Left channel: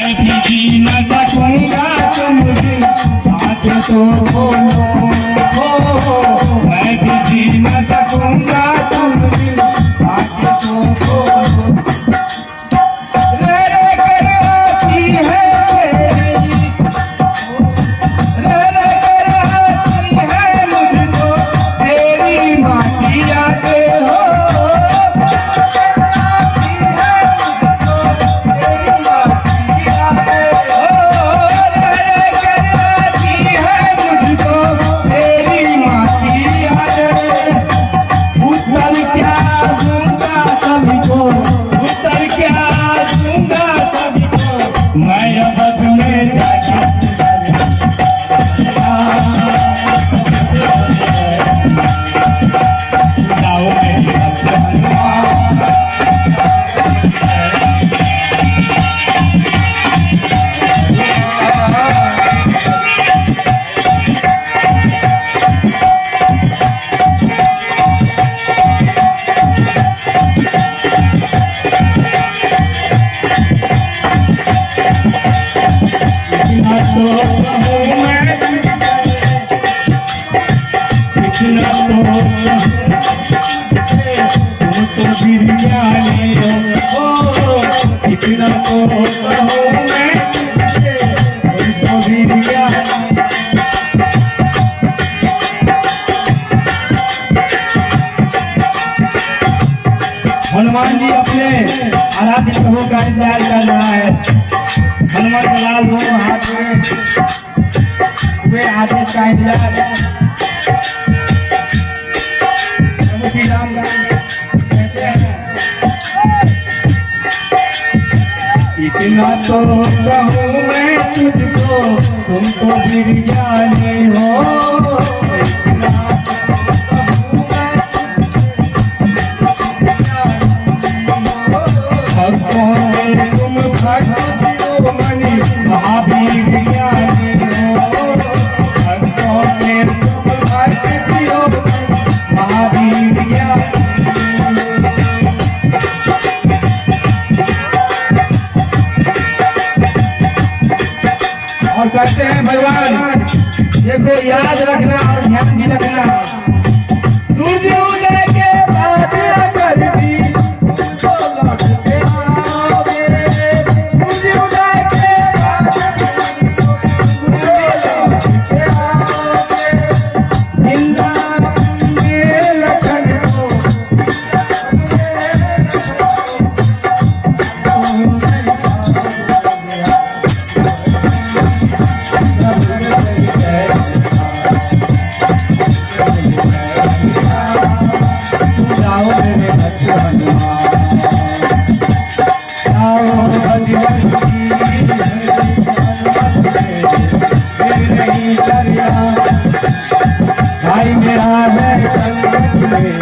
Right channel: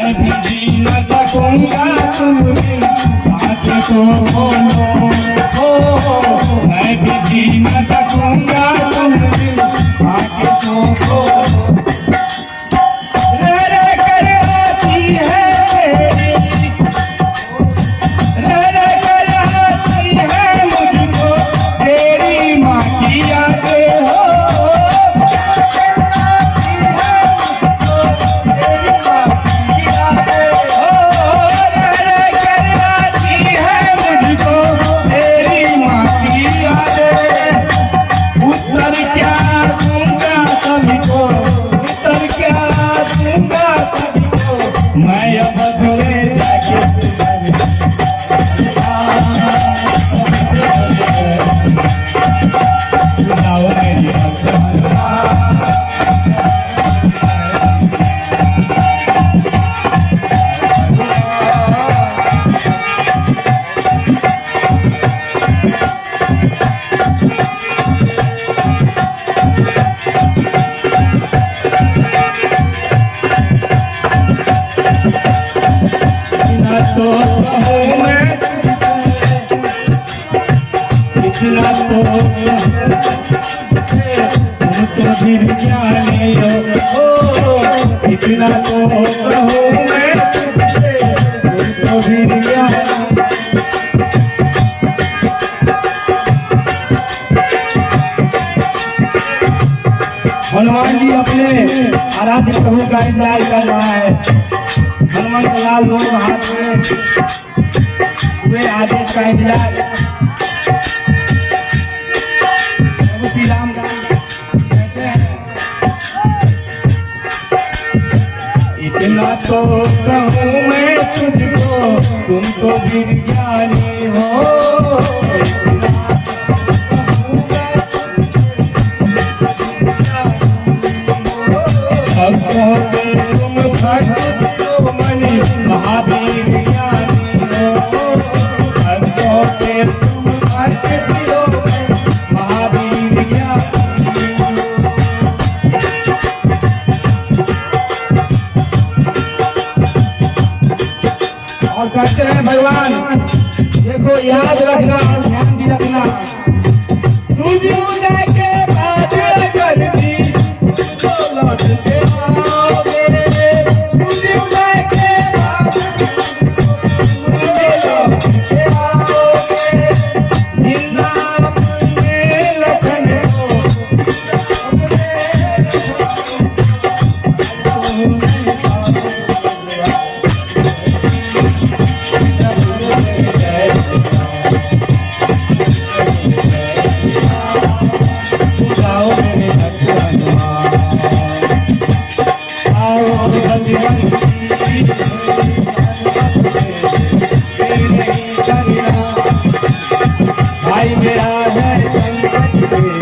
मैं भी जी न सकूंगा तुम बिन आके तो बोलो हो, मैं भी जी न सकूंगा तुम बिन आके तो बोलो। रह रह कर आती है तेरी, रह रह कर आती है मुझको तेरी माँ की यादें हो। इतना तो फिर जाने हो, इतना तो कहूँ मैं तो फिर जाने। हनुमान जी अपने आराध्य प्रभु का इंतजार कर रहा है। हनुमान लाल दोनों हाथ में वे आदेश का इंतजार। इतना तो कहूँ मैं तुझको तुम तो फिर जाने हो, तुम भक्तो मणि महावीर ज्ञानी हो, भक्तों से तुम भक्तो महावीर ज्ञानी। और कहते हैं भगवान देखो याद रखना और ध्यान भी रखना, सूर्य उदय के बाद अगर भी तो लौट के आओगे, सूर्य उदय के बाद लौट के आओगे, जिंदा अपने लखन भाई मेरा है संगत में